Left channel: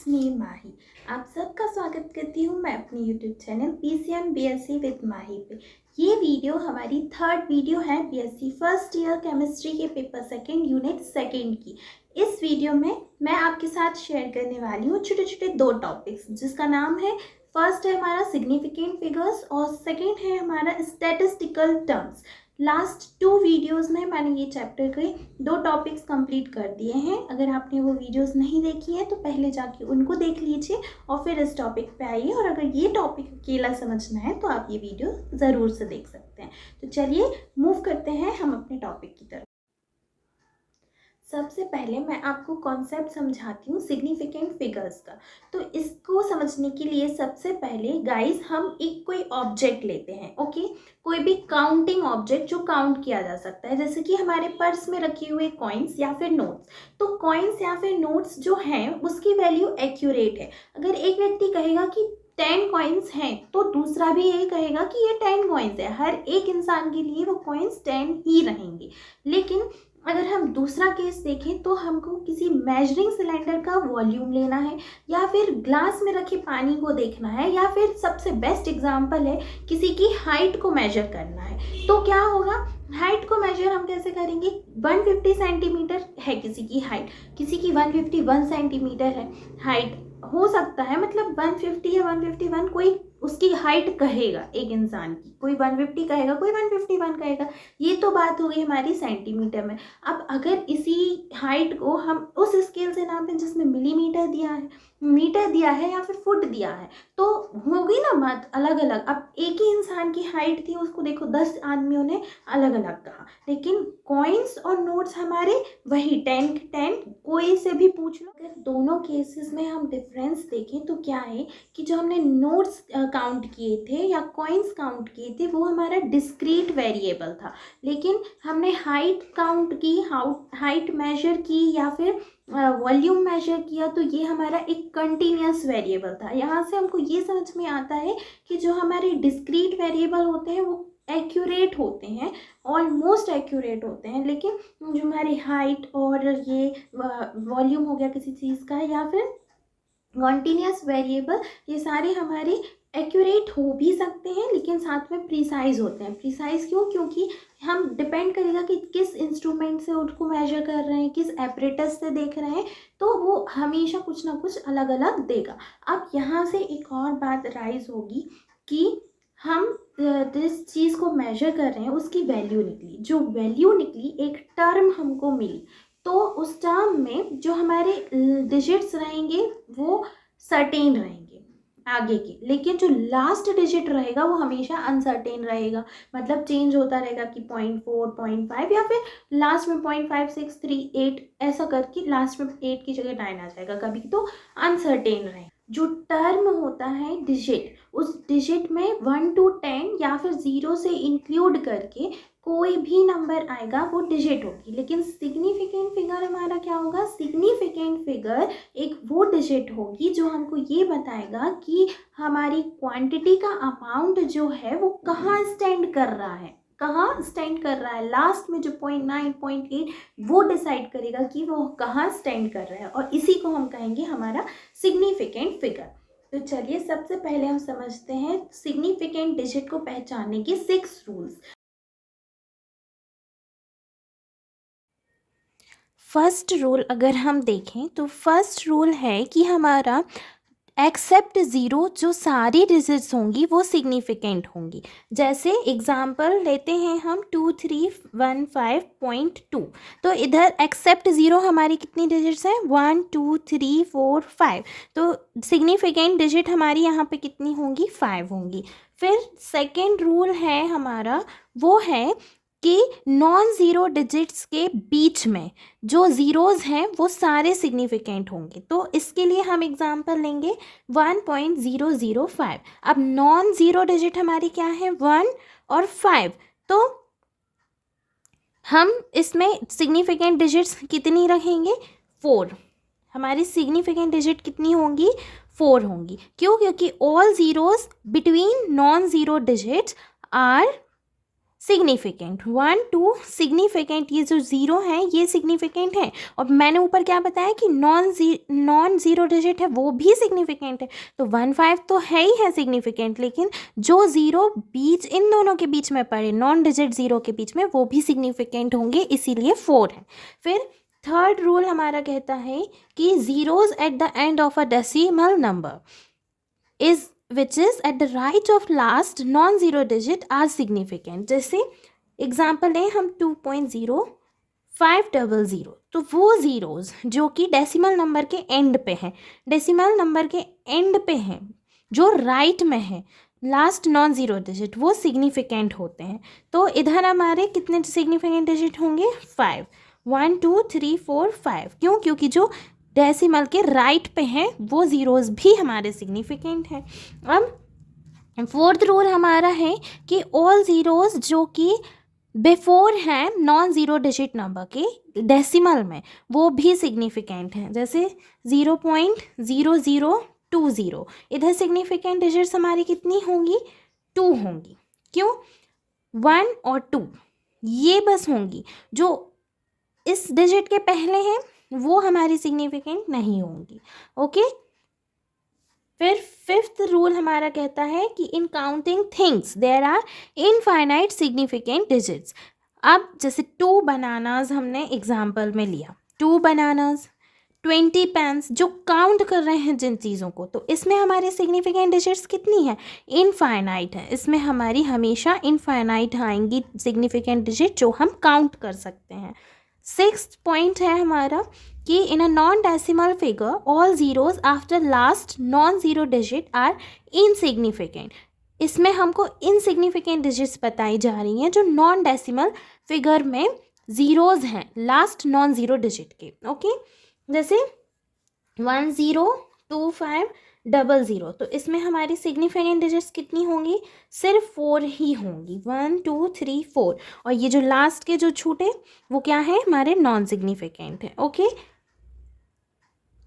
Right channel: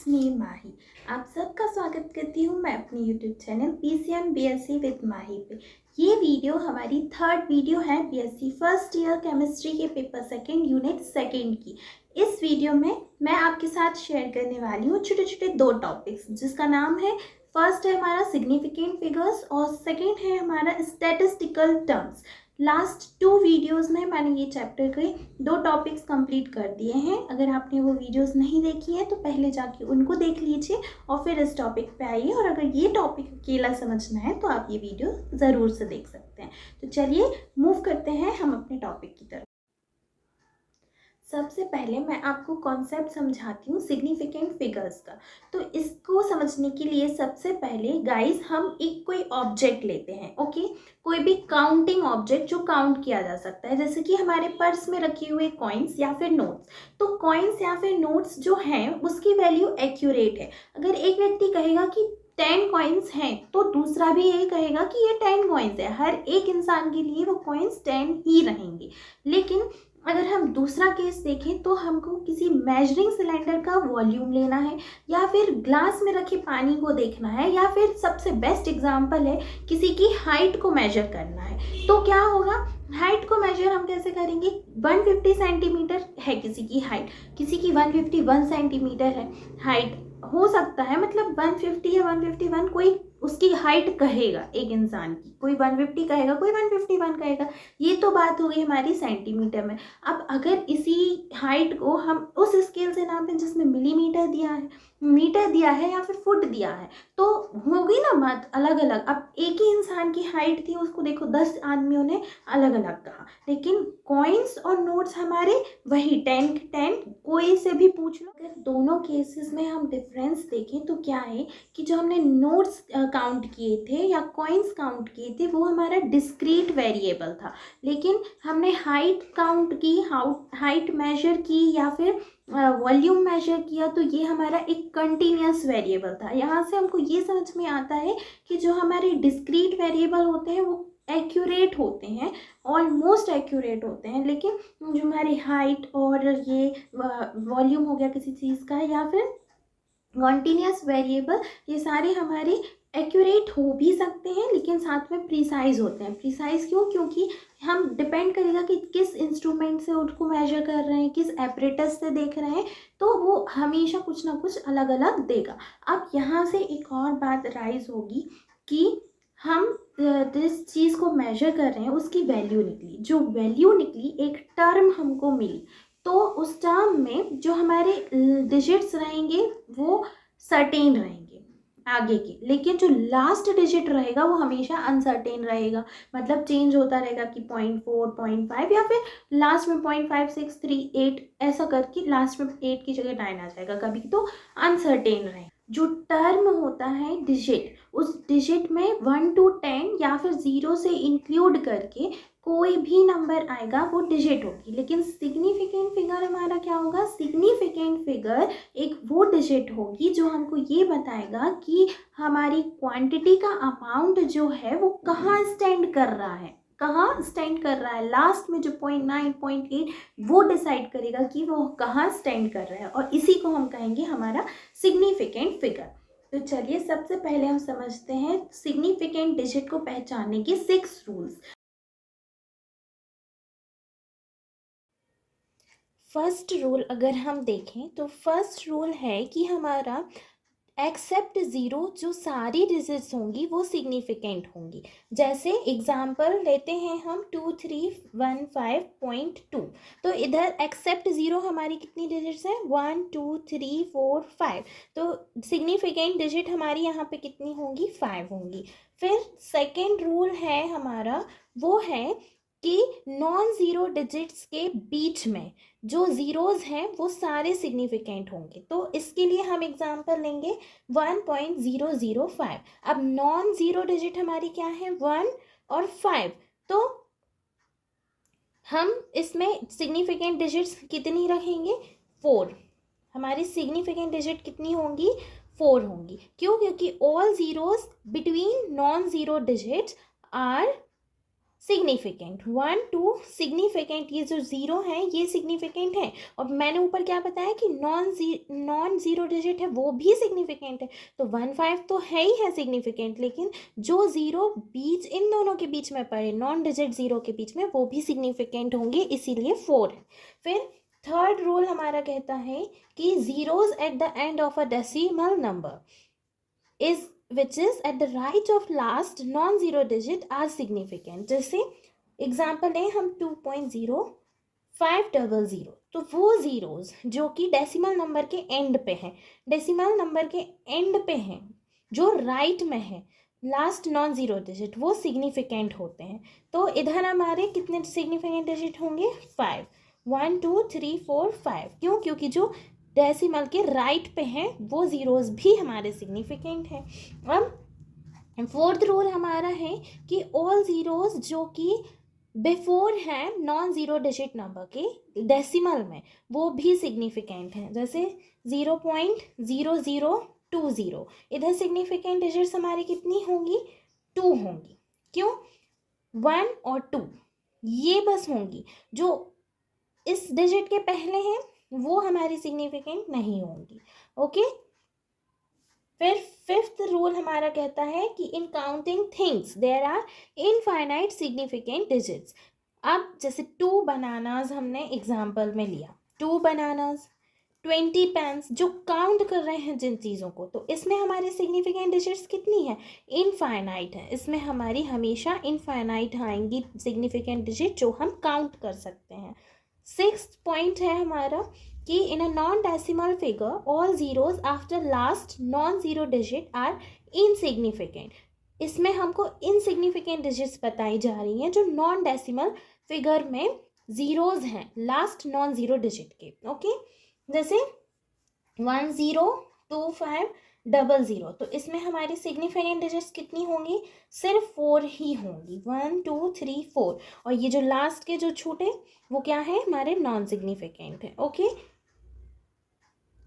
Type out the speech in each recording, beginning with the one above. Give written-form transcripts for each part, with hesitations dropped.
It's me माही। आप सबका स्वागत करती हूँ मैं अपने YouTube channel PCM BSc with Mahi पे। ये वीडियो हमारी थर्ड वीडियो है BSc फर्स्ट ईयर केमिस्ट्री के पेपर सेकंड यूनिट सेकंड की। इस वीडियो में मैं आपके साथ शेयर करने वाली हूँ छोटे छोटे दो टॉपिक्स, जिसका नाम है, फर्स्ट है हमारा सिग्निफिकेंट फिगर्स और सेकेंड है हमारा स्टैटिस्टिकल टर्म्स। लास्ट 2 वीडियोस में मैंने ये चैप्टर के 2 टॉपिक्स कंप्लीट कर दिए हैं। अगर आपने वो वीडियोस नहीं देखी है तो पहले जाके उनको देख लीजिए और फिर इस टॉपिक पे आइए। और अगर ये टॉपिक अकेला समझना है तो आप ये वीडियो ज़रूर से देख सकते हैं। तो चलिए मूव करते हैं हम अपने टॉपिक की तरफ। सबसे पहले मैं आपको कॉन्सेप्ट समझाती हूँ सिग्निफिकेंट फिगर्स का। तो इसको समझने के लिए सबसे पहले गाइस हम एक कोई ऑब्जेक्ट लेते हैं, ओके। कोई भी काउंटिंग ऑब्जेक्ट जो काउंट किया जा सकता है, जैसे कि हमारे पर्स में रखे हुए कॉइन्स या फिर नोट्स। तो कॉइन्स या फिर नोट्स जो हैं उसकी वैल्यू एक्यूरेट है। अगर एक व्यक्ति कहेगा कि 10 कॉइन्स हैं तो दूसरा भी ये कहेगा कि ये 10 कॉइन्स है। हर एक इंसान के लिए वो कॉइन्स 10 ही रहेंगे। लेकिन अगर हम दूसरा केस देखें तो हमको किसी मेजरिंग सिलेंडर का वॉल्यूम लेना है, या फिर ग्लास में रखे पानी को देखना है, या फिर सबसे बेस्ट एग्जांपल है किसी की हाइट को मेजर करना है। तो क्या होगा, हाइट को मेजर हम कैसे करेंगे। 150 सेंटीमीटर है किसी की हाइट, किसी की 151 सेंटीमीटर है हाइट। हो सकता है मतलब 150 या 151 कोई उसकी हाइट कहेगा एक इंसान की, कोई 150 कहेगा, कोई 151 कहेगा। ये तो बात हो गई हमारी सेंटीमीटर में। अब अगर इसी हाइट को हम उस स्केल से नापें जिसमें मिलीमीटर दिया है, मीटर दिया है या फिर फुट दिया है, तो होगी ना बात अलग अलग। अब एक ही इंसान की हाइट थी, उसको देखो 10 आदमियों ने अलग अलग कहा। लेकिन कॉइन्स और नोट्स हमारे वही 10 कोई से भी पूछ लो। अगर दोनों केसेस में हम डिफरेंस देखें तो क्या है कि जो हमने नोट्स काउंट किए थे या कॉइन्स काउंट किए थे वो हमारा डिस्क्रीट वेरिएबल था। लेकिन हमने हाइट काउंट की, हाइट मेजर की या फिर वॉल्यूम मेजर किया, तो ये हमारा एक कंटिन्यूस वेरिएबल था। यहाँ से हमको ये समझ में आता है कि जो हमारे डिस्क्रीट वेरिएबल होते हैं वो एक्यूरेट होते हैं, ऑलमोस्ट एक्यूरेट होते हैं। लेकिन जो हमारी हाइट और ये वॉल्यूम हो गया किसी चीज़ का, या फिर कॉन्टिन्यूस वेरिएबल, ये सारे हमारे एक्यूरेट हो भी सकते हैं लेकिन साथ में प्रिसाइज होते हैं। प्रिसाइज क्यों? क्योंकि हम डिपेंड करेगा कि किस इंस्ट्रूमेंट से उसको मेजर कर रहे हैं, किस एपरेटस से देख रहे हैं, तो वो हमेशा कुछ ना कुछ अलग अलग देगा। अब यहाँ से एक और बात राइज होगी कि हम जिस चीज़ को मेजर कर रहे हैं उसकी वैल्यू निकली। जो वैल्यू निकली, एक टर्म हमको मिली, तो उस टर्म में जो हमारे डिजिट्स रहेंगे वो सर्टेन रहेंगे आगे के, लेकिन जो लास्ट डिजिट रहेगा वो हमेशा अनसर्टेन रहेगा। मतलब चेंज होता रहेगा कि 0.4, 0.5 या फिर लास्ट में 0.5638 ऐसा करके लास्ट में 8 की जगह 9 आ जाएगा कभी, तो अनसर्टेन रहेगा। जो टर्म होता है डिजिट, उस डिजिट में 1 to 10 या फिर 0 से इंक्लूड करके कोई भी नंबर आएगा वो डिजिट होगी। लेकिन सिग्निफिकेंट फिगर हमारा क्या होगा, सिग्निफिकेंट फिगर एक वो डिजिट होगी जो हमको ये बताएगा कि हमारी क्वांटिटी का अमाउंट जो है वो कहाँ स्टैंड कर रहा है, कहाँ स्टैंड कर रहा है। लास्ट में जो 0.9, 0.8 वो डिसाइड करेगा कि वो कहाँ स्टैंड कर रहा है, और इसी को हम कहेंगे हमारा सिग्निफिकेंट फिगर। तो चलिए सबसे पहले हम समझते हैं सिग्निफिकेंट डिजिट को पहचानने के 6 रूल्स। फर्स्ट रूल अगर हम देखें तो फर्स्ट रूल है कि हमारा एक्सेप्ट ज़ीरो जो सारी डिजिट्स होंगी वो सिग्निफिकेंट होंगी। जैसे एग्जांपल लेते हैं हम 2315.2, तो इधर एक्सेप्ट ज़ीरो हमारी कितनी डिजिट्स हैं, 1 2 3 4 5, तो सिग्निफिकेंट डिजिट हमारी यहाँ पे कितनी होंगी, 5 होंगी। फिर सेकेंड रूल है हमारा, वो है कि नॉन ज़ीरो डिजिट्स के बीच में जो ज़ीरोज़ हैं वो सारे सिग्निफिकेंट होंगे। तो इसके लिए हम एग्जांपल लेंगे 1.005। अब नॉन ज़ीरो डिजिट हमारी क्या है, 1 और 5, तो हम इसमें सिग्निफिकेंट डिजिट्स कितनी रखेंगे, 4। हमारी सिग्निफिकेंट डिजिट कितनी होंगी, 4 होंगी। क्यों? क्योंकि all zeros between non zero digits are significant, 1 2 significant, ये जो ज़ीरो है ये सिग्निफिकेंट है, और मैंने ऊपर क्या बताया कि नॉन ज़ीरो डिजिट है वो भी सिग्निफिकेंट है। तो 1 5 तो है ही है सिग्निफिकेंट, लेकिन जो ज़ीरो बीच इन दोनों के बीच में पड़े, नॉन डिजिट ज़ीरो के बीच में, वो भी सिग्निफिकेंट होंगे, इसीलिए 4 है। फिर थर्ड रूल हमारा कहता है कि zeros at the end of a decimal number is which is at the right of last non-zero digit are significant। जैसे एग्जाम्पल लें हम 2.0500, तो वो ज़ीरोज़ जो कि डेसिमल नंबर के एंड पे हैं, डेसिमल नंबर के एंड पे हैं, जो राइट में है लास्ट नॉन ज़ीरो डिजिट, वो सिग्निफिकेंट होते हैं। तो इधर हमारे कितने सिग्निफिकेंट डिजिट होंगे? 5, 1 2 3 4 5। क्यों? क्योंकि जो डेसिमल के राइट पे हैं वो ज़ीरोज़ भी हमारे सिग्निफिकेंट हैं। अब फोर्थ रूल हमारा है कि ऑल ज़ीरोज़ जो कि बिफोर हैं नॉन ज़ीरो डिजिट नंबर के डेसिमल में, वो भी सिग्निफिकेंट हैं। जैसे 0.0020, इधर सिग्निफिकेंट डिजिट्स हमारी कितनी होंगी? 2 होंगी। क्यों? 1 और 2 ये बस होंगी, जो इस डिजिट के पहले हैं वो हमारी सिग्निफिकेंट नहीं होंगी। ओके। फिर फिफ्थ रूल हमारा कहता है कि in counting things there are infinite significant digits. अब जैसे 2 बनानाज हमने एग्जाम्पल में लिया, 2 बनानाज, 20 पेन्स, जो काउंट कर रहे हैं जिन चीज़ों को, तो इसमें हमारे सिग्निफिकेंट डिजिट्स कितनी है? इनफाइनाइट है। इसमें हमारी हमेशा इनफाइनाइट आएंगी सिग्निफिकेंट डिजिट जो हम काउंट कर सकते हैं। सिक्स्थ पॉइंट है हमारा कि in a non decimal figure all zeros after last non zero digit are insignificant. इसमें हमको इनसिग्निफिकेंट डिजिट्स बताई जा रही हैं जो नॉन डेसिमल फिगर में ज़ीरोज़ हैं लास्ट नॉन ज़ीरो डिजिट के। ओके। जैसे 102500, तो इसमें हमारी सिग्निफिकेंट डिजिट्स कितनी होंगी? सिर्फ 4 ही होंगी, 1 2 3 4, और ये जो लास्ट के जो छूटे वो क्या है? हमारे नॉन सिग्निफिकेंट है। ओके।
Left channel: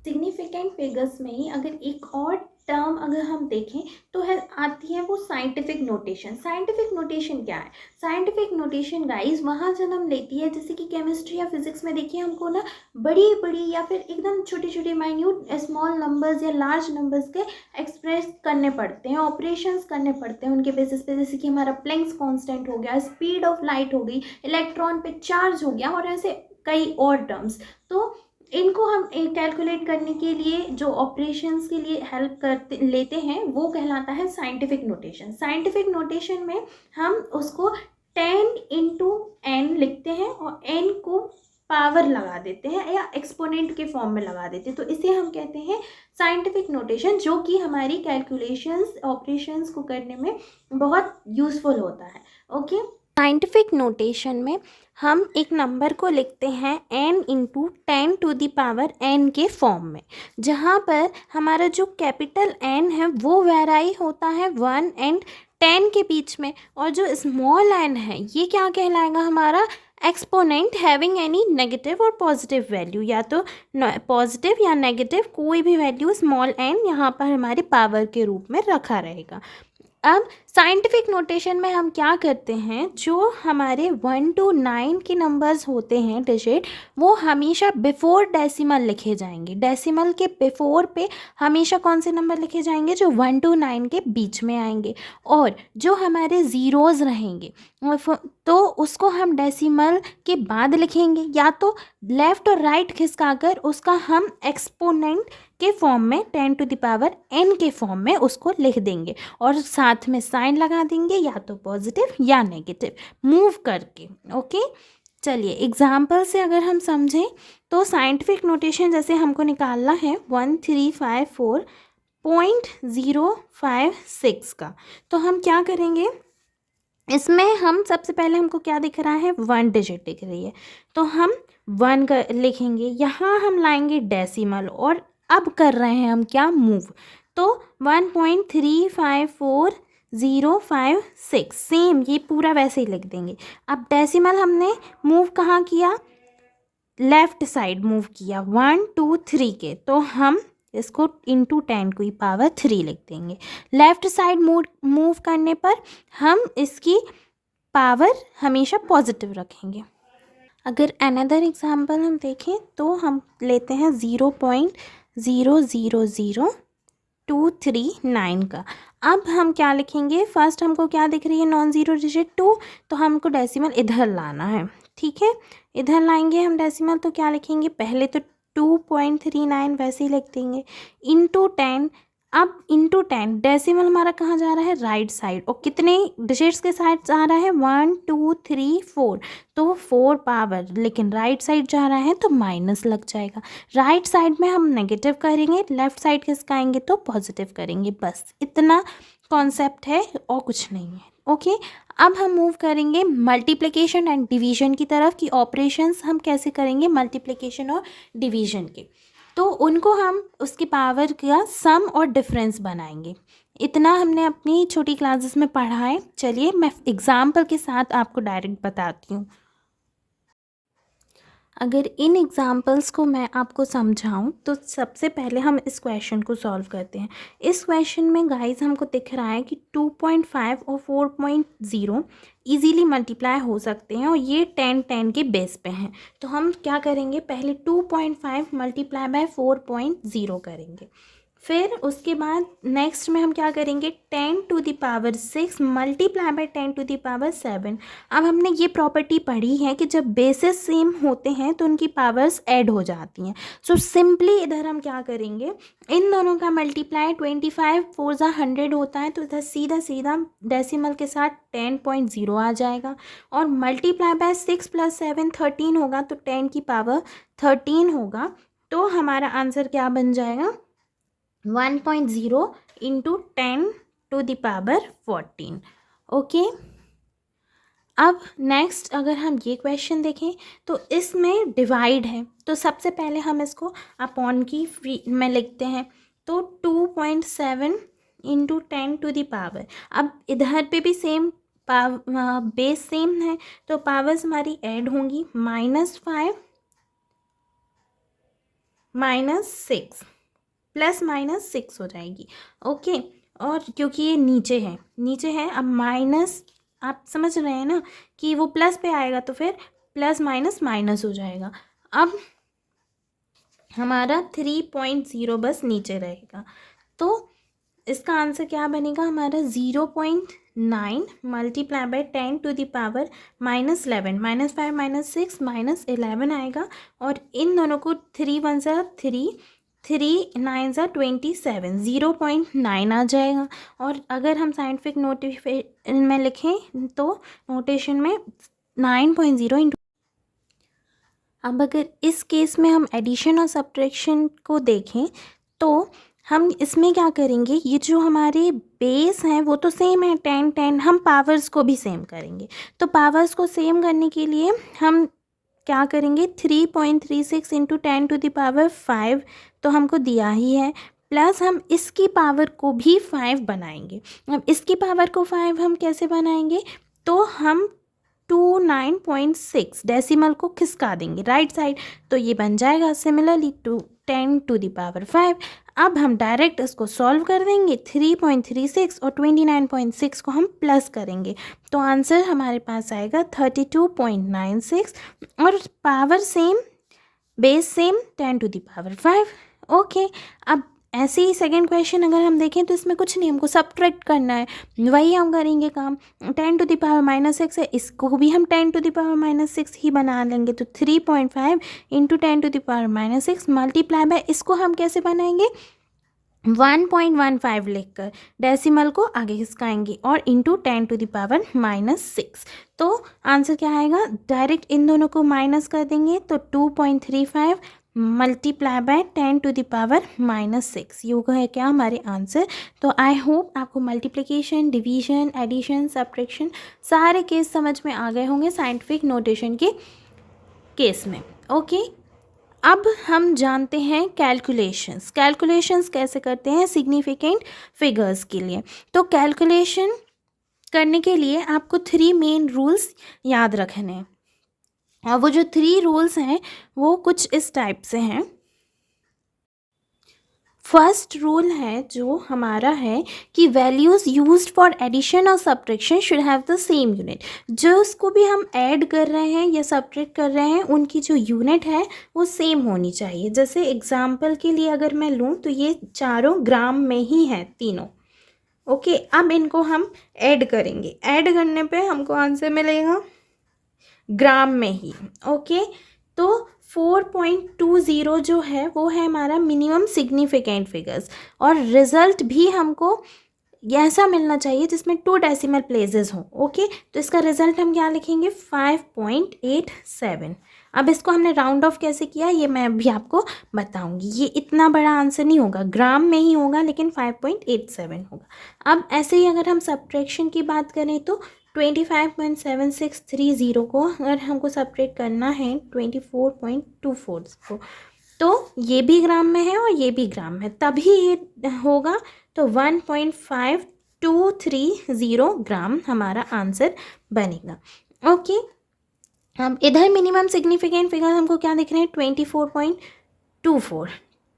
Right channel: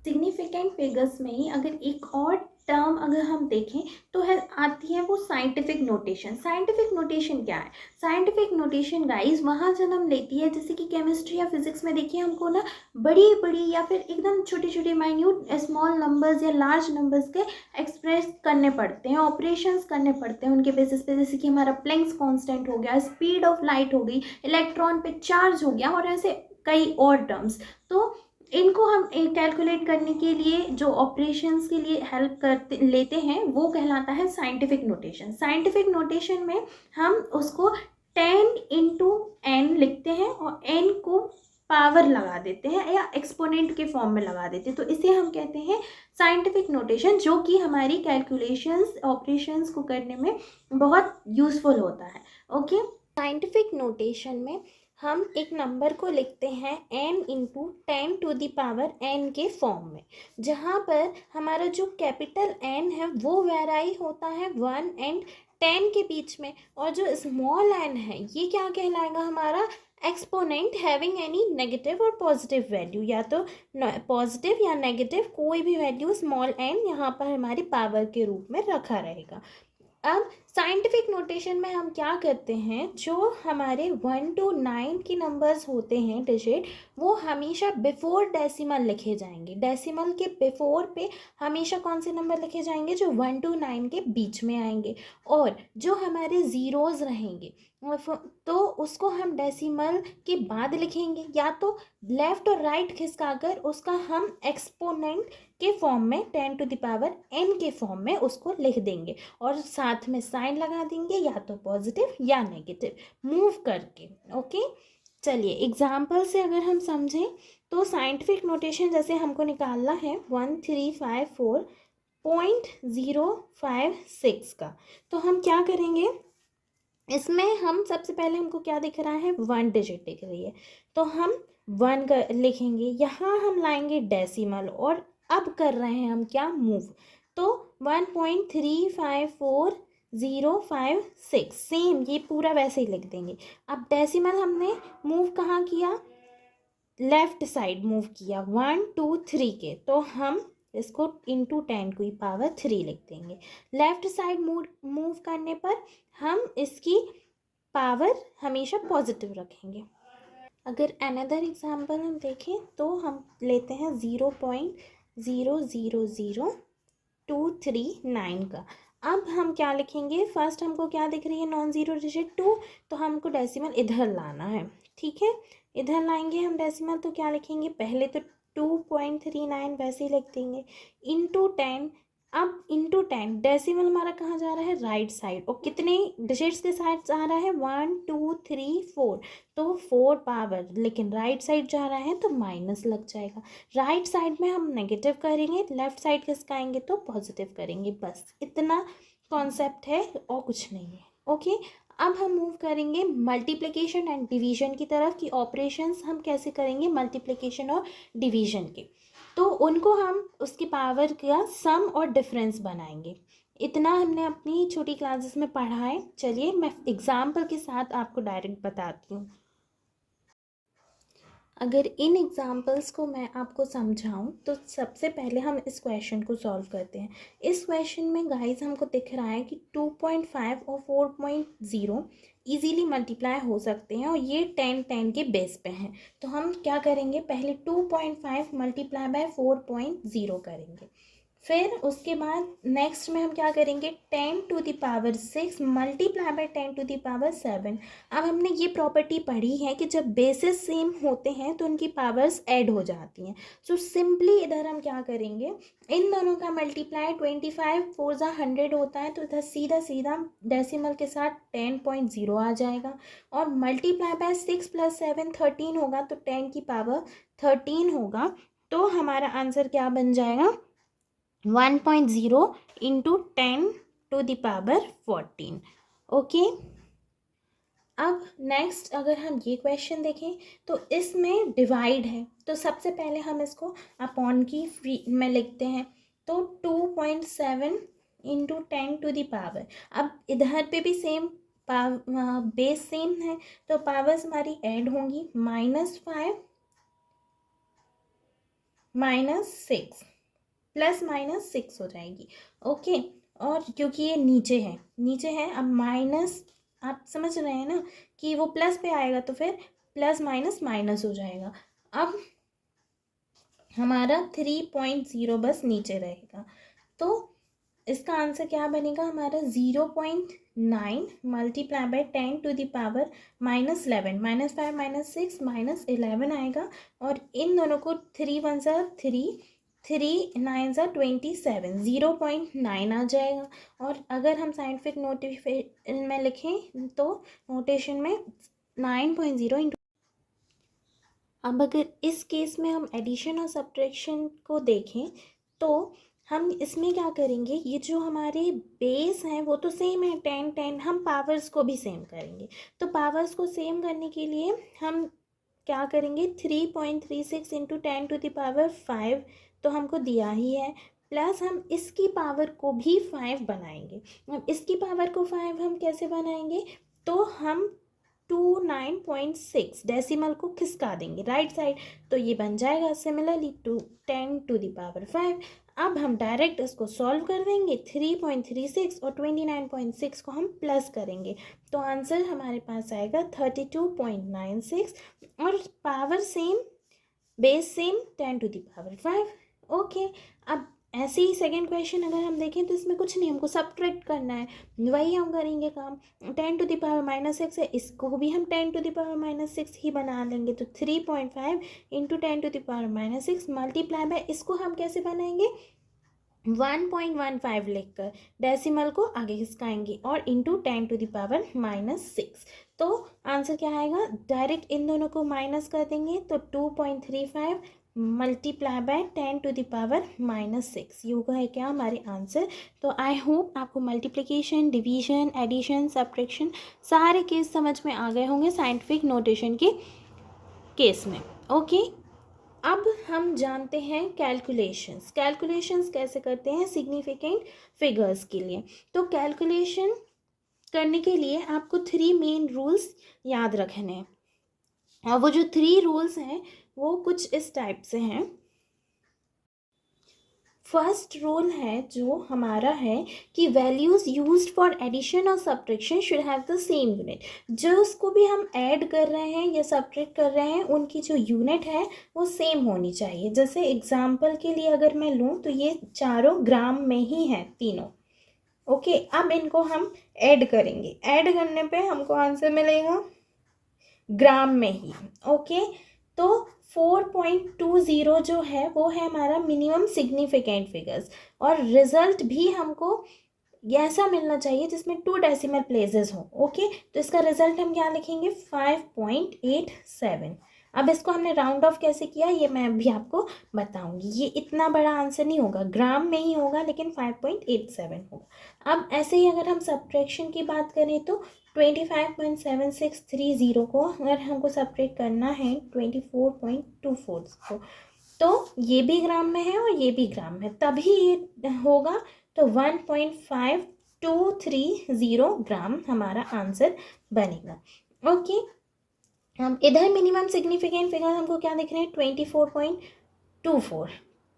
सिग्निफिकेंट फिगर्स में ही अगर एक और टर्म अगर हम देखें तो है आती है वो साइंटिफिक नोटेशन। साइंटिफिक नोटेशन क्या है? साइंटिफिक नोटेशन गाइस वहाँ जन्म लेती है, जैसे कि केमिस्ट्री या फिजिक्स में देखिए हमको ना बड़ी बड़ी या फिर एकदम छोटे छोटे माइन्यूट स्मॉल नंबर्स या लार्ज नंबर्स के एक्सप्रेस करने पड़ते हैं, ऑपरेशंस करने पड़ते हैं उनके बेसिस पे, जैसे कि हमारा प्लैंक्स कांस्टेंट हो गया, स्पीड ऑफ लाइट हो गई, इलेक्ट्रॉन पे चार्ज हो गया, और ऐसे कई और टर्म्स। तो इनको हम कैलकुलेट करने के लिए जो ऑपरेशंस के लिए हेल्प करते लेते हैं वो कहलाता है साइंटिफिक नोटेशन। साइंटिफिक नोटेशन में हम उसको 10 इंटू एन लिखते हैं और एन को पावर लगा देते हैं या एक्सपोनेंट के फॉर्म में लगा देते हैं, तो इसे हम कहते हैं साइंटिफिक नोटेशन, जो कि हमारी कैलकुलेशंस ऑपरेशंस को करने में बहुत यूज़फुल होता है। ओके। साइंटिफिक नोटेशन में हम एक नंबर को लिखते हैं n into 10 to the power n के फॉर्म में, जहाँ पर हमारा जो कैपिटल N है वो वेराई होता है 1 एंड 10 के बीच में, और जो स्मॉल n है ये क्या कहलाएगा? हमारा एक्सपोनेंट हैविंग एनी नेगेटिव और पॉजिटिव वैल्यू, या तो पॉजिटिव या नेगेटिव कोई भी वैल्यू स्मॉल n यहाँ पर हमारे पावर के रूप में रखा रहेगा। अब साइंटिफिक नोटेशन में हम क्या करते हैं, जो हमारे 1 to 9 के नंबर्स होते हैं डिजिट, वो हमेशा बिफोर डेसिमल लिखे जाएंगे। डेसिमल के बिफोर पे हमेशा कौन से नंबर लिखे जाएंगे? जो 1 to 9 के बीच में आएंगे, और जो हमारे ज़ीरोज़ रहेंगे तो उसको हम डेसिमल के बाद लिखेंगे, या तो लेफ़्ट और राइट खिसकाकर उसका हम एक्सपोनेंट के फॉर्म में 10 टू द पावर n के फॉर्म में उसको लिख देंगे, और साथ में साइन लगा देंगे, या तो पॉजिटिव या नेगेटिव मूव करके। ओके। चलिए एग्जाम्पल से अगर हम समझें तो साइंटिफिक नोटेशन जैसे हमको निकालना है 1354.056 का, तो हम क्या करेंगे? इसमें हम सबसे पहले हमको क्या दिख रहा है? 1 डिजिट दिख रही है, तो हम 1 का लिखेंगे, यहाँ हम लाएंगे डेसिमल, और अब कर रहे हैं हम क्या? मूव। तो 1.354056 सेम ये पूरा वैसे ही लिख देंगे। अब डेसिमल हमने मूव कहाँ किया? लेफ़्ट साइड मूव किया 1 2 3 के, तो हम इसको इंटू 10 की पावर 3 लिख देंगे। लेफ़्ट साइड मूव करने पर हम इसकी पावर हमेशा पॉजिटिव रखेंगे। अगर अनदर एग्जांपल हम देखें तो हम लेते हैं 0.000239 का। अब हम क्या लिखेंगे, फर्स्ट हमको क्या दिख रही है, नॉन ज़ीरो डिजिट 2, तो हमको डेसिमल इधर लाना है। ठीक है, इधर लाएंगे हम डेसिमल, तो क्या लिखेंगे, पहले तो 2.39 वैसे ही लिख देंगे, इंटू 10। अब इंटू 10 डेसिमल हमारा कहाँ जा रहा है, राइट साइड, और कितने डिजिट्स के साइड जा रहा है, 1 2 3 4, तो 4 पावर, लेकिन राइट साइड जा रहा है तो माइनस लग जाएगा। राइट साइड में हम नेगेटिव करेंगे, लेफ्ट साइड किसका आएंगे तो पॉजिटिव करेंगे, बस इतना कॉन्सेप्ट है और कुछ नहीं है। ओके, अब हम मूव करेंगे मल्टीप्लिकेशन एंड डिवीजन की तरफ, कि ऑपरेशंस हम कैसे करेंगे मल्टीप्लिकेशन और डिवीजन के, तो उनको हम उसकी पावर का सम और डिफरेंस बनाएंगे। इतना हमने अपनी छोटी क्लासेस में पढ़ा है। चलिए मैं एग्जाम्पल के साथ आपको डायरेक्ट बताती हूँ। अगर इन एग्जाम्पल्स को मैं आपको समझाऊं तो सबसे पहले हम इस क्वेश्चन को सॉल्व करते हैं। इस क्वेश्चन में गाइस हमको दिख रहा है कि 2.5 और 4.0 इजीली मल्टीप्लाई हो सकते हैं, और ये 10 के बेस पे हैं। तो हम क्या करेंगे, पहले 2.5 मल्टीप्लाई बाय 4.0 करेंगे, फिर उसके बाद नेक्स्ट में हम क्या करेंगे, 10⁶ मल्टीप्लाई बाय 10⁻7। अब हमने ये प्रॉपर्टी पढ़ी है कि जब बेसिस सेम होते हैं तो उनकी पावर्स ऐड हो जाती हैं। सो सिंपली इधर हम क्या करेंगे, इन दोनों का मल्टीप्लाई 25 4 100 होता है, तो इधर सीधा सीधा डेसिमल के साथ 10.0 आ जाएगा, और मल्टीप्लाई बाय 6 + 7 13 होगा, तो 10 की पावर 13 होगा। तो हमारा आंसर क्या बन जाएगा, 1.0 इंटू 10⁻14। ओके, अब नेक्स्ट अगर हम ये क्वेश्चन देखें तो इसमें डिवाइड है, तो सबसे पहले हम इसको अपॉन की फ्री में लिखते हैं, तो 2.7 इंटू 10⁻। अब इधर पे भी सेम बेस सेम है, तो पावर्स हमारी ऐड होंगी, -5 -6 +-6 हो जाएगी। ओके, और क्योंकि ये नीचे है, अब माइनस, आप समझ रहे हैं ना कि वो प्लस पे आएगा तो फिर प्लस माइनस माइनस हो जाएगा। अब हमारा 3.0 बस नीचे रहेगा, तो इसका आंसर क्या बनेगा हमारा, 0.9 मल्टीप्लाई बाय 10⁻11 -5 -6 -11 आएगा, और इन दोनों को 3 1 3 3 9 27, 0.9 आ जाएगा। और अगर हम साइंटिफिक नोटेशन में लिखें तो नोटेशन में 9.0 इंटू। अब अगर इस केस में हम एडिशन और सब्ट्रैक्शन को देखें तो हम इसमें क्या करेंगे, ये जो हमारे बेस हैं वो तो सेम है 10 हम पावर्स को भी सेम करेंगे। तो पावर्स को सेम करने के लिए हम क्या करेंगे, 3.36 इंटू 10⁵ तो हमको दिया ही है, प्लस हम इसकी पावर को भी 5 बनाएंगे। अब इसकी पावर को 5 हम कैसे बनाएंगे, तो हम 29.6 डेसिमल को खिसका देंगे राइट साइड, तो ये बन जाएगा सिमिलरली टू 10⁵। अब हम डायरेक्ट इसको सॉल्व कर देंगे, 3.36 और 29.6 को हम प्लस करेंगे, तो आंसर हमारे पास आएगा 32.96, और power same, base same 10⁵। Okay, अब ऐसे ही सेकेंड क्वेश्चन अगर हम देखें तो इसमें कुछ नहीं, हमको सब्ट्रैक्ट करना है, वही हम करेंगे काम। 10⁻6 है, इसको भी हम 10⁻6 ही बना लेंगे, तो 3.5 इंटू 10⁻6 मल्टीप्लाई बाय, इसको हम कैसे बनाएंगे, 1.15 लिखकर डेसिमल को आगे खिसकाएंगे, और इंटू 10⁻6। तो आंसर क्या आएगा, डायरेक्ट इन दोनों को माइनस कर देंगे, तो 2.35 मल्टीप्लाई बाय 10⁻6, ये होगा है क्या हमारे आंसर। तो आई होप आपको मल्टीप्लिकेशन, डिवीजन, एडिशन, सब्ट्रैक्शन सारे केस समझ में आ गए होंगे साइंटिफिक नोटेशन के केस में। ओके, अब हम जानते हैं कैलकुलेशंस कैसे करते हैं सिग्निफिकेंट फिगर्स के लिए। तो कैलकुलेशन करने के लिए आपको 3 मेन रूल्स याद रखने हैं, और वो जो 3 रूल्स हैं वो कुछ इस टाइप से हैं। फर्स्ट रूल है जो हमारा है कि वैल्यूज़ यूज्ड फॉर एडिशन और subtraction should have the same unit. जो उसको भी हम ऐड कर रहे हैं या सब्ट्रैक्ट कर रहे हैं उनकी जो यूनिट है वो सेम होनी चाहिए। जैसे एग्जांपल के लिए अगर मैं लूँ तो ये चारों ग्राम में ही है तीनों। ओके, अब इनको हम ऐड करेंगे, ऐड करने पे हमको आंसर मिलेगा ग्राम में ही। ओके, तो 4.20 जो है वो है हमारा मिनिमम सिग्निफिकेंट फिगर्स, और रिजल्ट भी हमको ऐसा मिलना चाहिए जिसमें 2 डेसिमल प्लेसेस हों। ओके, तो इसका रिजल्ट हम क्या लिखेंगे 5.87। अब इसको हमने राउंड ऑफ कैसे किया ये मैं अभी आपको बताऊंगी। ये इतना बड़ा आंसर नहीं होगा, ग्राम में ही होगा, लेकिन 5.87 होगा। अब ऐसे ही अगर हम सब्ट्रैक्शन की बात करें तो 25.7630 को अगर हमको सब्ट्रैक्ट करना है 24.24 को, तो ये भी ग्राम में है और ये भी ग्राम है, तभी ये होगा। तो 1.5230 ग्राम हमारा आंसर बनेगा। ओके, हम इधर मिनिमम सिग्निफिकेंट फिगर हमको क्या दिख रहे हैं 24.24,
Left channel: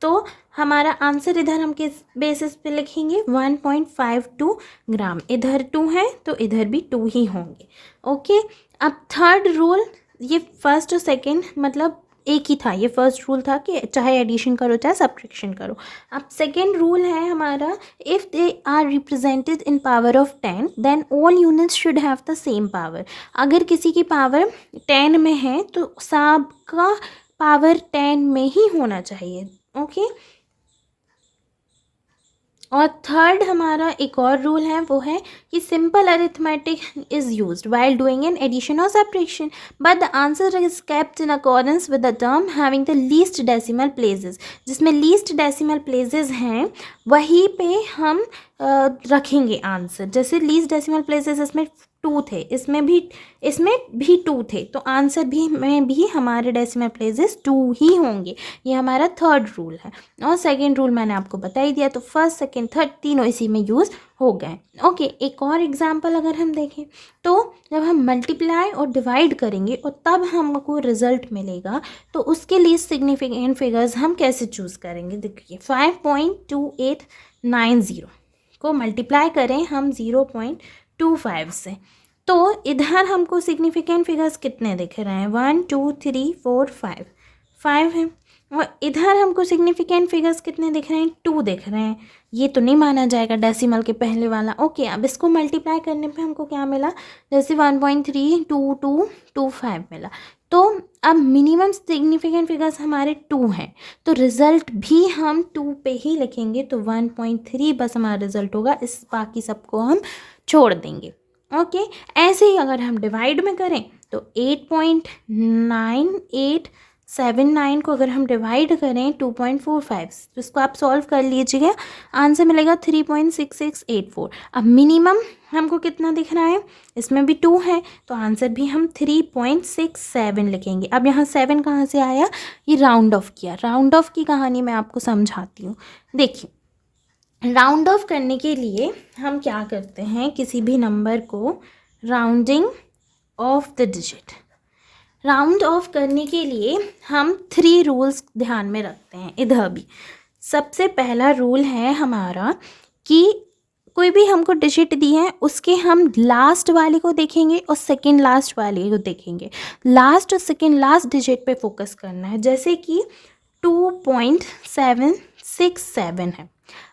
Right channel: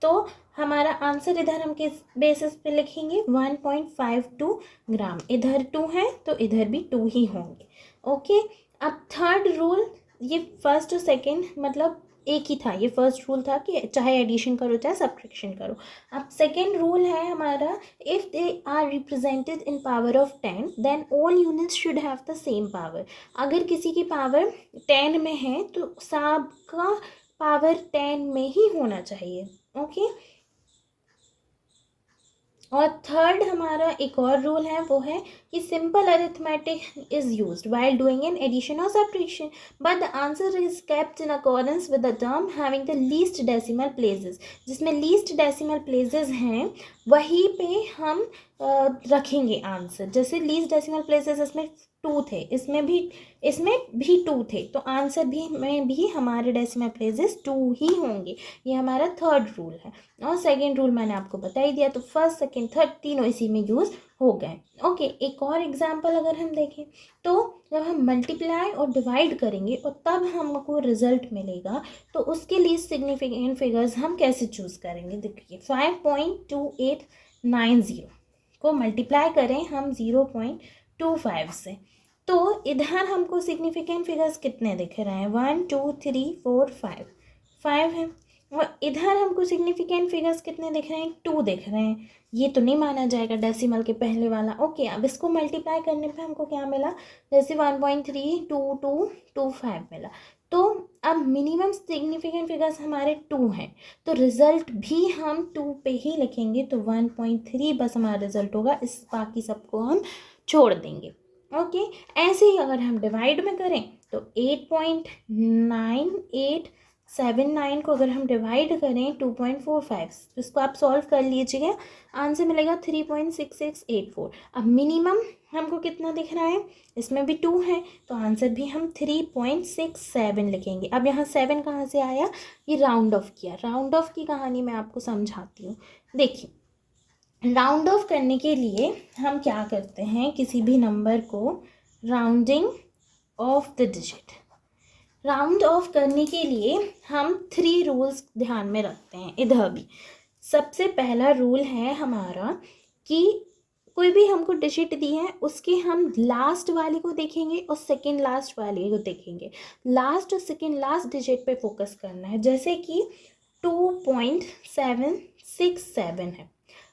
तो हमारा आंसर इधर हम किस बेसिस पे लिखेंगे 1.52 ग्राम। इधर 2 है तो इधर भी 2 ही होंगे। ओके, अब थर्ड रूल, ये फर्स्ट और सेकंड मतलब एक ही था, ये फर्स्ट रूल था कि चाहे एडिशन करो चाहे सब्ट्रैक्शन करो। अब सेकेंड रूल है हमारा, if they are represented in power of 10 then all units should have the same power. अगर किसी की पावर 10 में है तो सबका पावर 10 में ही होना चाहिए। ओके, और थर्ड हमारा एक और रूल है, वो है कि simple arithmetic is used while doing an addition और subtraction but the answer is kept in accordance with the term having the least decimal places. जिसमें लीस्ट डेसिमल प्लेसेस हैं वहीं पे हम रखेंगे आंसर। जैसे लीस्ट डेसिमल प्लेसेस इसमें 2 थे, इसमें भी 2 थे, तो आंसर भी में भी हमारे डेसिमल प्लेसेस 2 ही होंगे। ये हमारा थर्ड रूल है, और सेकंड रूल मैंने आपको बता ही दिया। तो फर्स्ट सेकंड थर्ड तीनों इसी में यूज़ हो गए। ओके, एक और एग्जांपल अगर हम देखें तो जब हम मल्टीप्लाई और डिवाइड करेंगे और तब हमको रिजल्ट मिलेगा, तो उसके लिए सिग्निफिकेंट फिगर्स हम कैसे चूज़ करेंगे। देखिए 5.2890 को मल्टीप्लाई करें हम 0.25 से, तो इधर हमको सिग्निफिकेंट फिगर्स कितने दिख रहे हैं 1 2 3 4 5 हैं, और इधर हमको सिग्निफिकेंट फिगर्स कितने दिख रहे हैं 2 दिख रहे हैं। ये तो नहीं माना जाएगा डेसिमल के पहले वाला। ओके, अब इसको मल्टीप्लाई करने पे हमको क्या मिला, जैसे 1.3225 मिला। तो अब मिनिमम सिग्निफिकेंट फिगर्स हमारे 2 हैं, तो रिज़ल्ट भी हम 2 पे ही लिखेंगे, तो 1.3 बस हमारा रिज़ल्ट होगा, इस बाकी सबको हम छोड़ देंगे। ओके, ऐसे ही अगर हम डिवाइड में करें तो 8.9879 को अगर हम डिवाइड करें 2.45, तो इसको आप सॉल्व कर लीजिएगा, आंसर मिलेगा 3.6684। अब मिनिमम हमको कितना दिख रहा है, इसमें भी 2 है, तो आंसर भी हम 3.67 लिखेंगे। अब यहाँ 7 कहाँ से आया, ये राउंड ऑफ किया। राउंड ऑफ की कहानी मैं आपको समझाती हूँ। देखिए, राउंड ऑफ करने के लिए हम क्या करते हैं, किसी भी नंबर को rounding off the digit, round of करने के लिए हम 3 रूल्स ध्यान में रखते हैं। इधर भी सबसे पहला रूल है हमारा कि कोई भी हमको डिजिट दी है उसके हम लास्ट वाले को देखेंगे और सेकंड लास्ट वाले को देखेंगे। लास्ट और सेकंड लास्ट डिजिट पे फोकस करना है। जैसे कि 2.767 है।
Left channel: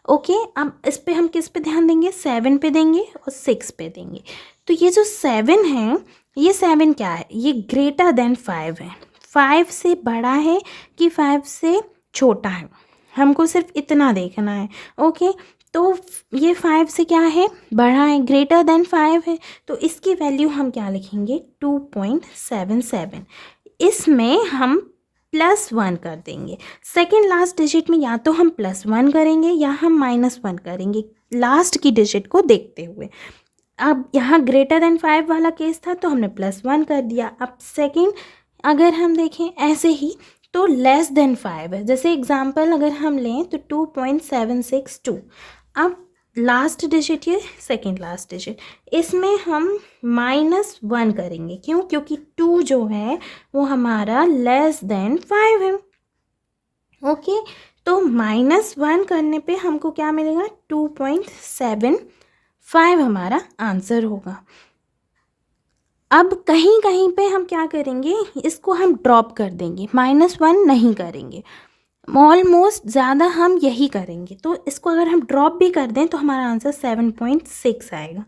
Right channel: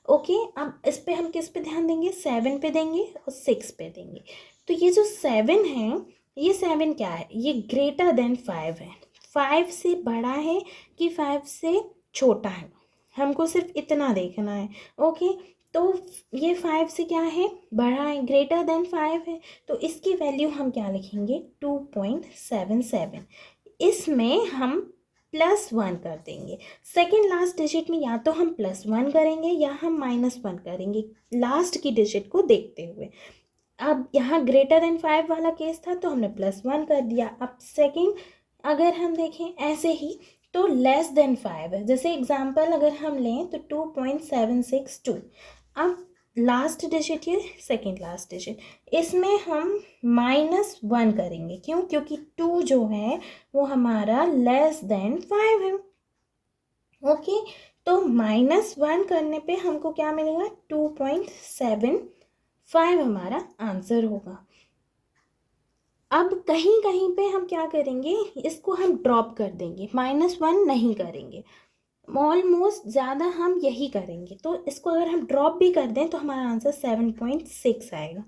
ओके, अब इस पे हम किस पे ध्यान देंगे, 7 पे देंगे और 6 पे देंगे। तो ये जो 7 है, ये 7 क्या है, ये ग्रेटर देन 5 है। 5 से बड़ा है कि 5 से छोटा है, हमको सिर्फ इतना देखना है। ओके, तो ये 5 से क्या है, बड़ा है, ग्रेटर देन 5 है, तो इसकी वैल्यू हम क्या लिखेंगे 2.77। इसमें हम +1 कर देंगे। सेकेंड लास्ट डिजिट में या तो हम +1 करेंगे या हम -1 करेंगे, लास्ट की डिजिट को देखते हुए। अब यहाँ ग्रेटर देन 5 वाला केस था तो हमने +1 कर दिया। अब सेकेंड अगर हम देखें ऐसे ही तो लेस देन 5 है। जैसे एग्जांपल अगर हम लें तो 2.762। अब लास्ट डिजिट ये सेकेंड लास्ट डिजिट, इसमें हम -1 करेंगे। क्यों, क्योंकि 2 जो है वो हमारा लेस देन 5 है। ओके, तो -1 करने पे हमको क्या मिलेगा, 2.75 हमारा आंसर होगा। अब कहीं कहीं पे हम क्या करेंगे, इसको हम ड्रॉप कर देंगे, -1 नहीं करेंगे, ऑलमोस्ट ज़्यादा हम यही करेंगे। तो इसको अगर हम ड्रॉप भी कर दें तो हमारा आंसर 7.6 आएगा,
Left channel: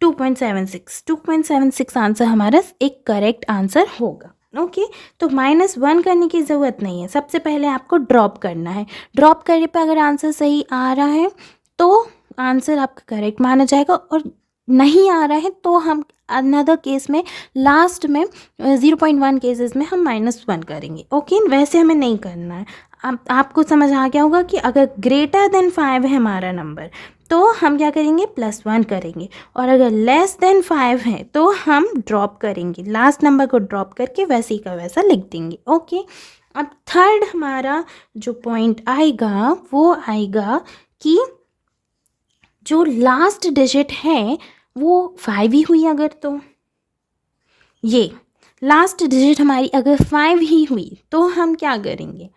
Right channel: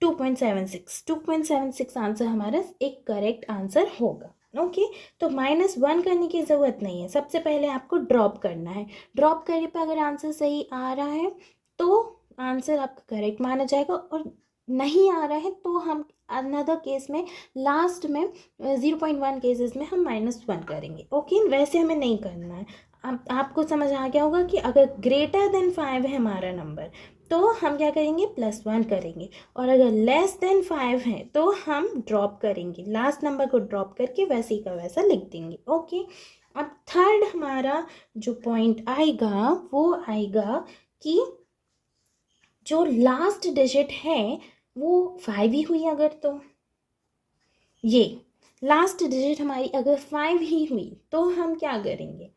2.76 आंसर हमारा एक करेक्ट आंसर होगा। ओके, तो -1 करने की ज़रूरत नहीं है, सबसे पहले आपको ड्रॉप करना है। ड्रॉप करने पे अगर आंसर सही आ रहा है तो आंसर आपका करेक्ट माना जाएगा, और नहीं आ रहा है तो हम अनदर केस में लास्ट में 0.1 केसेस में हम -1 करेंगे। ओके, वैसे हमें नहीं करना है। अब आपको समझ आ गया होगा कि अगर ग्रेटर देन 5 है हमारा नंबर तो हम क्या करेंगे, +1 करेंगे, और अगर लेस देन 5 है तो हम ड्रॉप करेंगे, लास्ट नंबर को ड्रॉप करके वैसे ही का वैसा लिख देंगे। ओके, अब थर्ड हमारा जो पॉइंट आएगा वो आएगा कि जो लास्ट डिजिट है वो 5 ही हुई अगर, तो ये लास्ट डिजिट हमारी अगर 5 ही हुई तो हम क्या करेंगे,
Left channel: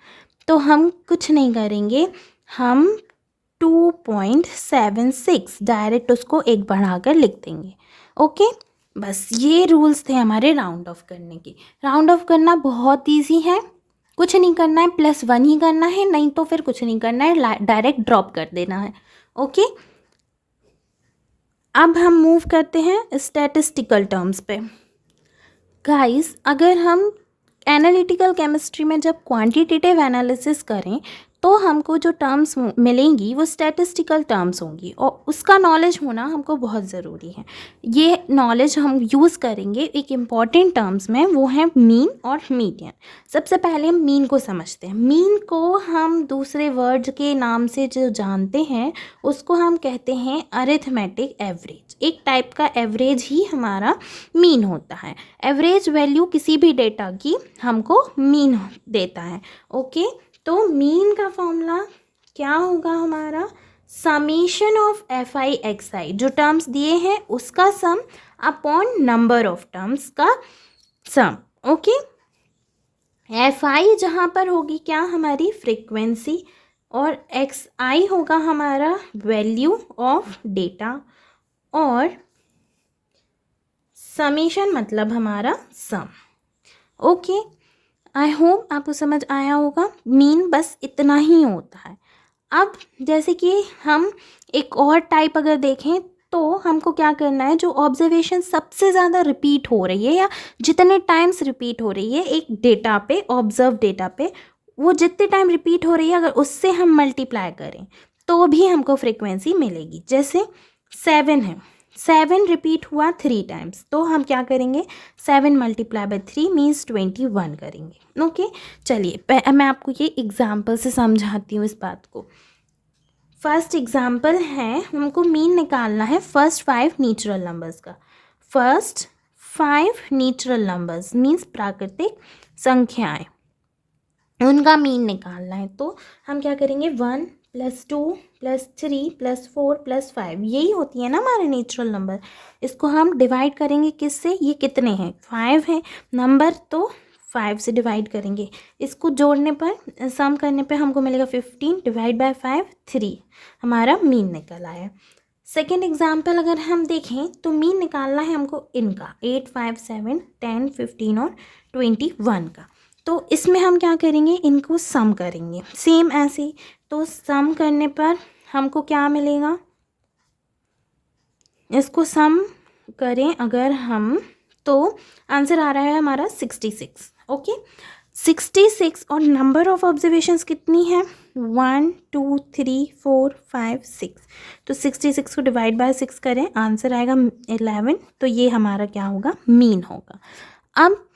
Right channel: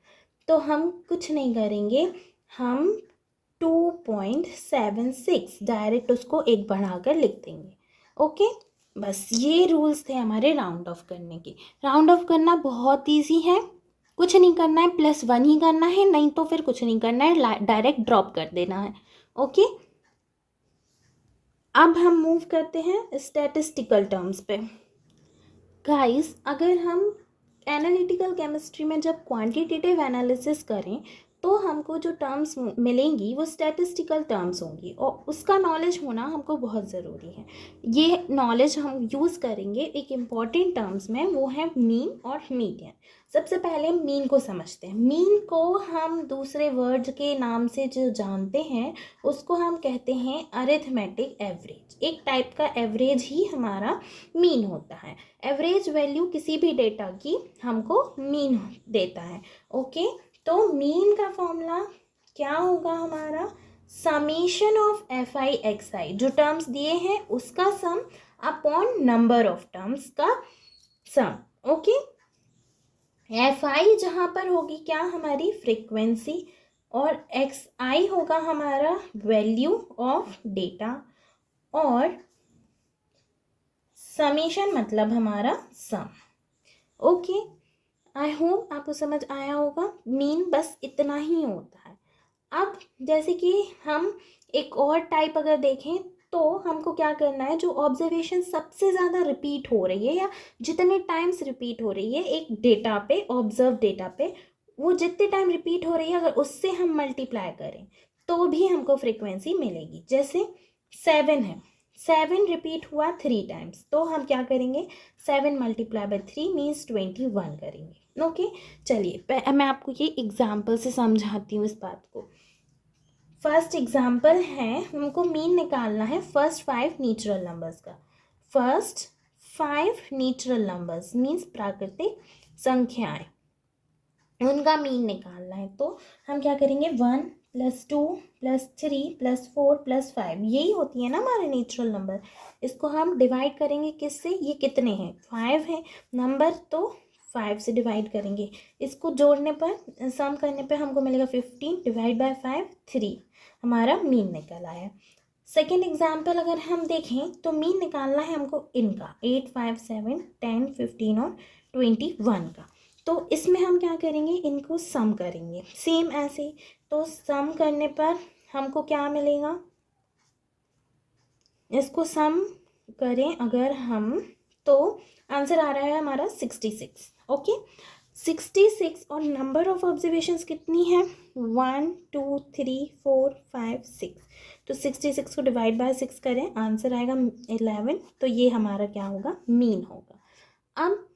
तो हम कुछ नहीं करेंगे, हम 2.76 डायरेक्ट उसको एक बढ़ाकर लिख देंगे। ओके, बस ये रूल्स थे हमारे राउंड ऑफ करने के। राउंड ऑफ करना बहुत इजी है, कुछ नहीं करना है, +1 ही करना है, नहीं तो फिर कुछ नहीं करना है, डायरेक्ट ड्रॉप कर देना है। ओके, अब हम मूव करते हैं स्टैटिस्टिकल टर्म्स पे। गाइस, अगर हम एनालिटिकल केमिस्ट्री में जब क्वांटिटेटिव एनालिसिस करें तो हमको जो टर्म्स मिलेंगी वो स्टैटिस्टिकल टर्म्स होंगी, और उसका नॉलेज होना हमको बहुत ज़रूरी है। ये नॉलेज हम यूज़ करेंगे एक इम्पॉर्टेंट टर्म्स में, वो है मीन और मीडियन। सबसे पहले हम मीन को समझते हैं। मीन को हम दूसरे वर्ड के नाम से जो जानते हैं उसको हम कहते हैं अरिथमेटिक एवरेज। एक टाइप का एवरेज ही हमारा मीन होता है। एवरेज वैल्यू किसी भी डेटा की हमको मीन देता है। ओके, तो मीन का फॉर्मूला क्या होगा हमारा, समीशन ऑफ FI/XI, जो टर्म्स दिए हैं उसका सम अपॉन नंबर ऑफ टर्म्स का सम। ओके, FI जहाँ पर होगी क्या, हमारी फ्रीक्वेंसी, और XI होगा हमारा वैल्यू ऑफ डेटा, और समीशन मतलब हमारा सम। ओके, आई होप आपको समझ आया होगा। मीन बस इतना ही होता है। अब जैसे कि हम एक और टाइप अगर देखें तो हमको क्या करना है, जो ऑब्जर्वेशन सबसे ज़्यादा रिपीट हो रही है या जितने टाइम्स रिपीट हो रही है एक डेटा पे, ऑब्जर्व डेटा पे, वो जितने टाइम रिपीट हो रही है अगर उससे हम मल्टीप्लाई करें तो भी हमको फ्रीक्वेंसी मिलेगी। जैसे 7 है, 7 रिपीट हुआ 3 टाइम्स, तो हम क्या करेंगे, 7 × 3 मीन्स 21 करेंगे। ओके, चलिए मैं आपको ये एग्जाम्पल से समझाती हूँ इस बात को। फर्स्ट एग्जाम्पल है, हमको मीन निकालना है फर्स्ट 5 नेचुरल नंबर्स का। फर्स्ट 5 नेचुरल नंबर्स मीन्स प्राकृतिक संख्याएं, उनका मीन निकालना है। तो हम क्या करेंगे, 1 + 2 + 3 + 4 + 5, यही होती है ना हमारे नेचुरल नंबर। इसको हम डिवाइड करेंगे किससे, ये कितने हैं, 5 हैं नंबर, तो 5 से डिवाइड करेंगे। इसको जोड़ने पर, सम करने पर हमको मिलेगा 15 / 5 3, हमारा मीन निकल आया। सेकेंड एग्जाम्पल अगर हम देखें तो मीन निकालना है हमको इनका 8 5 7 10 15 और 21 का। तो इसमें हम क्या करेंगे, इनको सम करेंगे सेम ऐसे। तो सम करने पर हमको क्या मिलेगा, इसको सम करें अगर हम तो आंसर आ रहा है हमारा 66। ओके, 66, और नंबर ऑफ ऑब्जर्वेशंस कितनी है, 1 2 3 4 5 6। तो 66 को डिवाइड बाय 6 करें, आंसर आएगा 11। तो ये हमारा क्या होगा, मीन होगा। अब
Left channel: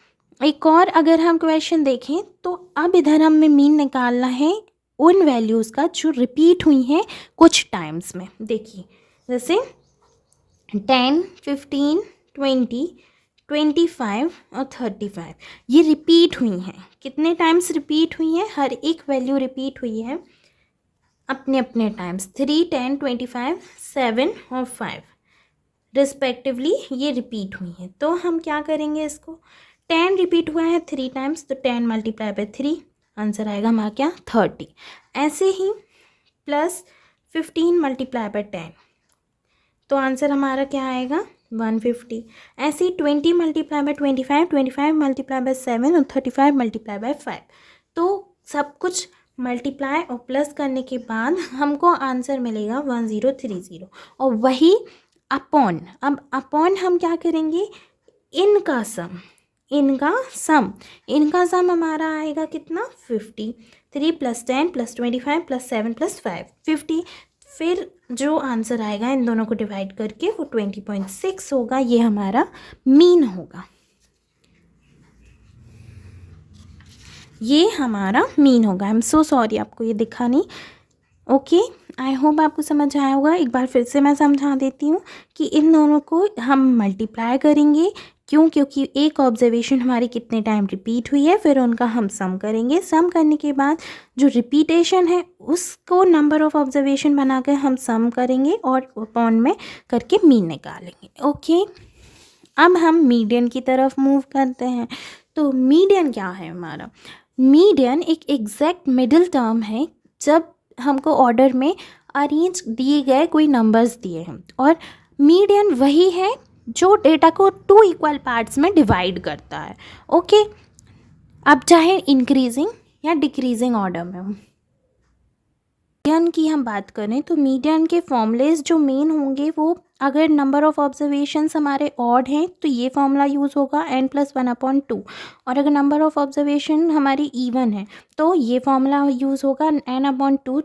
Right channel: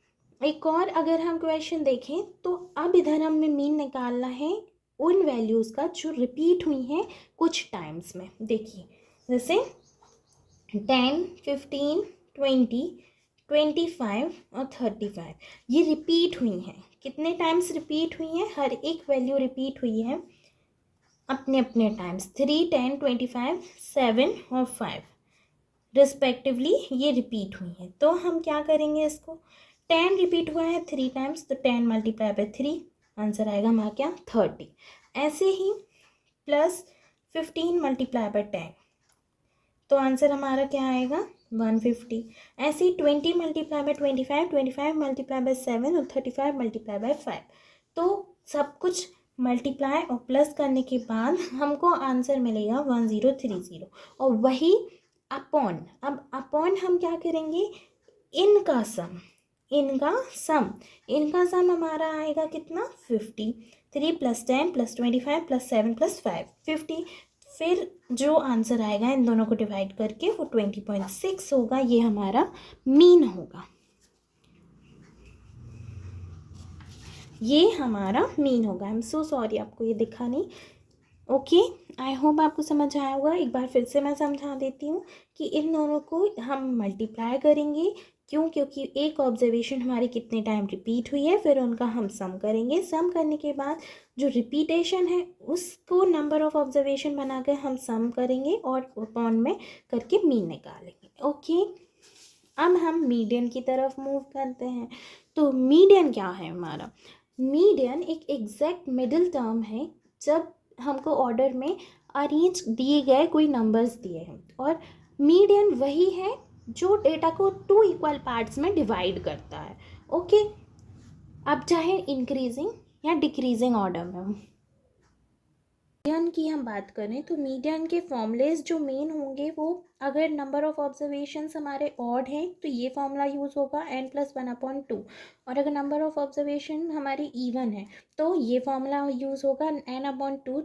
एक और अगर हम क्वेश्चन देखें तो अब इधर हमें मीन निकालना है उन वैल्यूज़ का जो रिपीट हुई हैं कुछ टाइम्स में। देखिए जैसे 10 15 20 25 और 35, ये रिपीट हुई हैं। कितने टाइम्स रिपीट हुई हैं, हर एक वैल्यू रिपीट हुई है अपने अपने टाइम्स, 3 10 25 7 और 5 रिस्पेक्टिवली ये रिपीट हुई हैं। तो हम क्या करेंगे, इसको 10 रिपीट हुआ है 3 टाइम्स, तो 10 × 3 आंसर आएगा हमारा क्या 30। ऐसे ही +15 मल्टीप्लाई बाय 10, तो आंसर हमारा क्या आएगा 150। ऐसे ही 20 मल्टीप्लाई बाय 25, 25 मल्टीप्लाई बाय 7 और 35 मल्टीप्लाई बाय 5। तो सब कुछ मल्टीप्लाई और प्लस करने के बाद हमको आंसर मिलेगा 1030। और वही अपॉन, अब अपॉन हम क्या करेंगे, इनका सम, इनका सम हमारा आएगा कितना 50। 3 + 10 + 25 + 7 + 5 50। फिर जो आंसर आएगा इन दोनों को डिवाइड करके वो 20.6 होगा। ये हमारा मीन होगा, ये हमारा मीन होगा। आई एम सो सॉरी आपको ये दिखा नहीं। ओके, आई होप आपको समझ आया होगा। एक बार फिर से मैं समझा देती हूँ कि इन दोनों को हम मल्टीप्लाई करेंगे। क्यों? क्योंकि एक ऑब्जर्वेशन हमारी कितने टाइम रिपीट हुई है, फिर उनका हम सम करेंगे। सम करने के बाद जो रिपीटेशन है उसको नंबर ऑफ ऑब्जर्वेशन बना कर हम सम करेंगे और अपॉन में करके मीन निकालेंगे। ओके, अब हम मीडियन की तरफ मूव करते हैं। तो मीडियन क्या है हमारा? मीडियन एक एग्जैक्ट मिडिल टर्म है जब हमको ऑर्डर में अरेंज दिए गए कोई नंबर्स दिए हैं, और मीडियन वही है जो डेटा को 2 इक्वल पार्ट्स में डिवाइड करता है। ओके, अब चाहे इंक्रीजिंग या डिक्रीजिंग ऑर्डर में हो। मीडियन की हम बात करें तो मीडियन के फॉर्मूलेज जो मेन होंगे वो, अगर नंबर ऑफ ऑब्जर्वेशंस हमारे ऑड हैं तो ये फॉर्मूला यूज़ होगा n+1/2, और अगर नंबर ऑफ ऑब्जर्वेशन हमारी इवन है तो ये फॉर्मूला यूज़ होगा n/2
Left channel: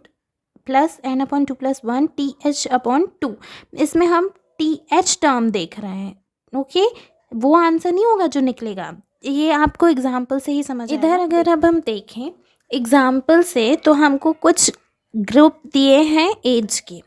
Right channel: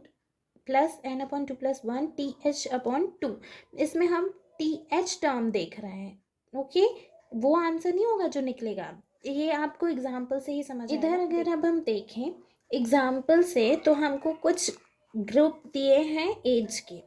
+ n/2 + 1 TH/2। इसमें हम TH टर्म देख रहे हैं। ओके, वो आंसर नहीं होगा जो निकलेगा, ये आपको एग्जाम्पल से ही समझ इधर अगर अब हम देखें एग्जाम्पल से, तो हमको कुछ ग्रुप दिए हैं एज के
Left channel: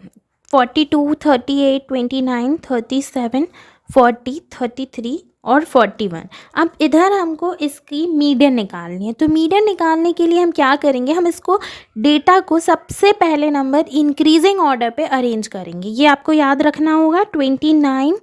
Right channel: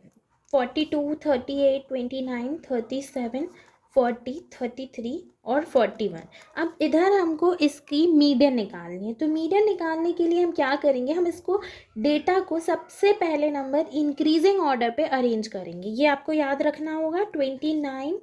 42, 38, 29, 37, 40, 33 और 41। अब इधर हमको इसकी मीडियन निकालनी है। तो मीडियन निकालने के लिए हम क्या करेंगे, हम इसको डेटा को सबसे पहले नंबर इंक्रीजिंग ऑर्डर पे अरेंज करेंगे। ये आपको याद रखना होगा। 29,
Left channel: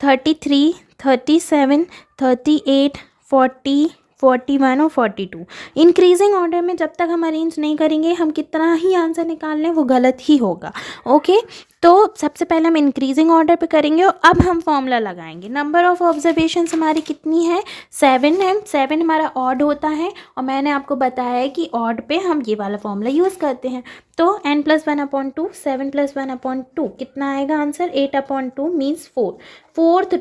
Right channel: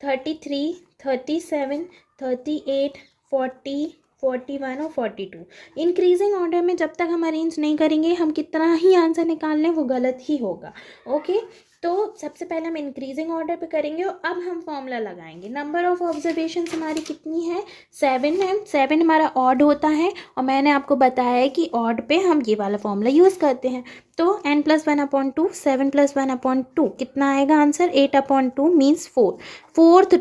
33, 37, 38, 40, 41 और 42 इंक्रीजिंग ऑर्डर में जब तक हम अरेंज नहीं करेंगे, हम कितना ही आंसर निकाल लें वो गलत ही होगा। ओके, तो सबसे पहले हम इंक्रीजिंग ऑर्डर पे करेंगे और अब हम फॉर्मूला लगाएंगे। नंबर ऑफ ऑब्जर्वेशंस हमारी कितनी है 7 है। 7 हमारा ऑड होता है, और मैंने आपको बताया है कि ऑड पे हम ये वाला फॉर्मूला यूज़ करते हैं। तो n+1/2 7 + 1/2 कितना आएगा आंसर 8/2 मीन्स 4। फोर्थ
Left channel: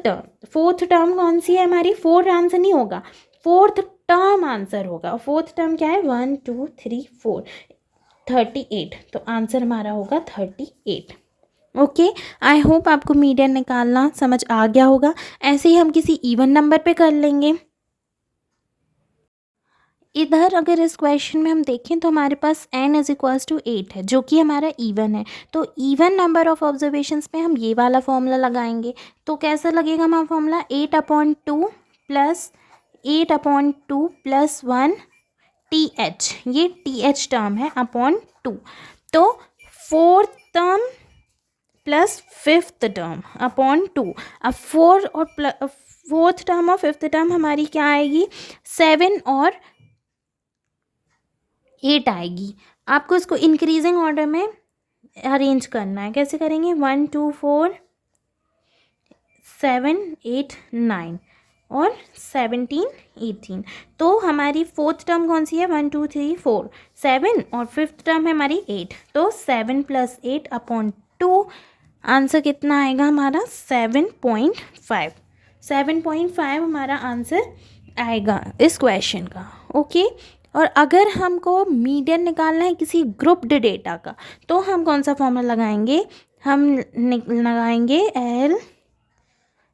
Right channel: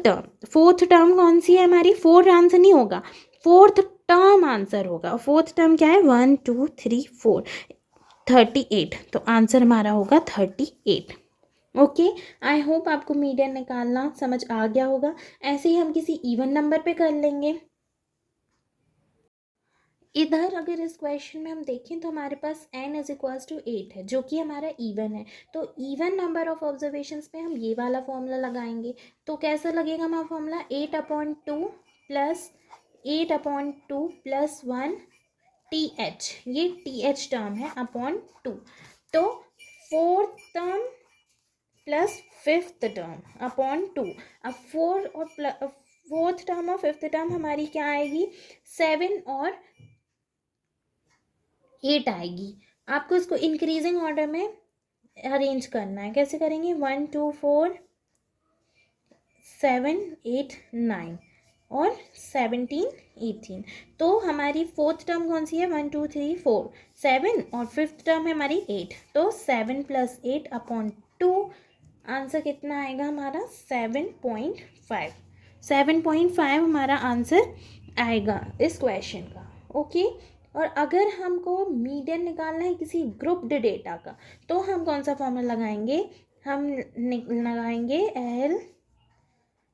टर्म कौन सी है हमारी? 4 आंसर नहीं होगा, फोर्थ टर्म आंसर होगा। फोर्थ टर्म क्या है 1 2 3 4 38। तो आंसर हमारा होगा 38। ओके, आई होप आपको मीडियन निकालना समझ आ गया होगा। ऐसे ही हम किसी इवन नंबर पे कर लेंगे। इधर अगर इस क्वेश्चन में हम देखें तो हमारे पास n = 8 है, जो कि हमारा इवन है। तो इवन नंबर ऑफ ऑब्जर्वेशंस में हम ये वाला फॉर्मूला लगाएंगे। तो कैसा लगेगा हमारा फॉर्मूला 8/2 + 8/2 + 1 TH, ये TH टर्म है /2। तो fourth term plus fifth term /2। अब फोर्थ टर्म और फिफ्थ टर्म हमारी क्या आएगी 7 और 8 आएगी। आपको इसको इंक्रीजिंग ऑर्डर में अरेंज करना है। कैसे करेंगे 1 2 4 7 8 9 और 17 18। तो हमारी फोर्थ टर्म कौन सी है 1 2 3 4 7, और फिफ्थ टर्म है हमारी 8। तो 7 + 8/2 आंसर कितना आएगा हमारा 7.5। 7.5 हमारा आंसर आएगा इस क्वेश्चन का। ओके, और अगर हमको मीडियन निकालना है किसी ग्रुप्ड डेटा का, तो हम कौन सा फॉर्मूला लगाएंगे? हम लगाएंगे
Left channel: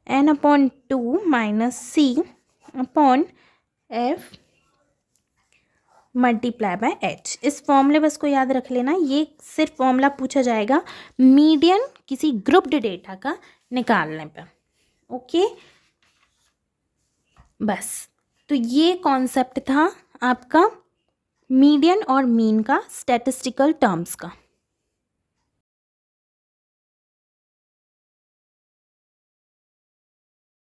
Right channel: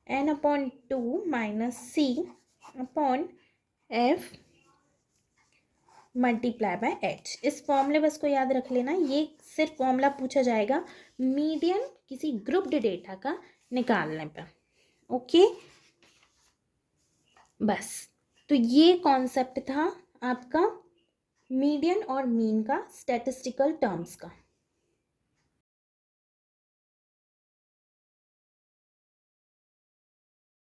n/2 - c/f × h। इस फॉर्मूले बस को याद रख लेना, ये सिर्फ फॉर्मूला पूछा जाएगा मीडियन किसी ग्रुप्ड डेटा का निकालने पर। ओके, बस। तो ये कॉन्सेप्ट था आपका मीडियन और मीन का स्टैटिस्टिकल टर्म्स का।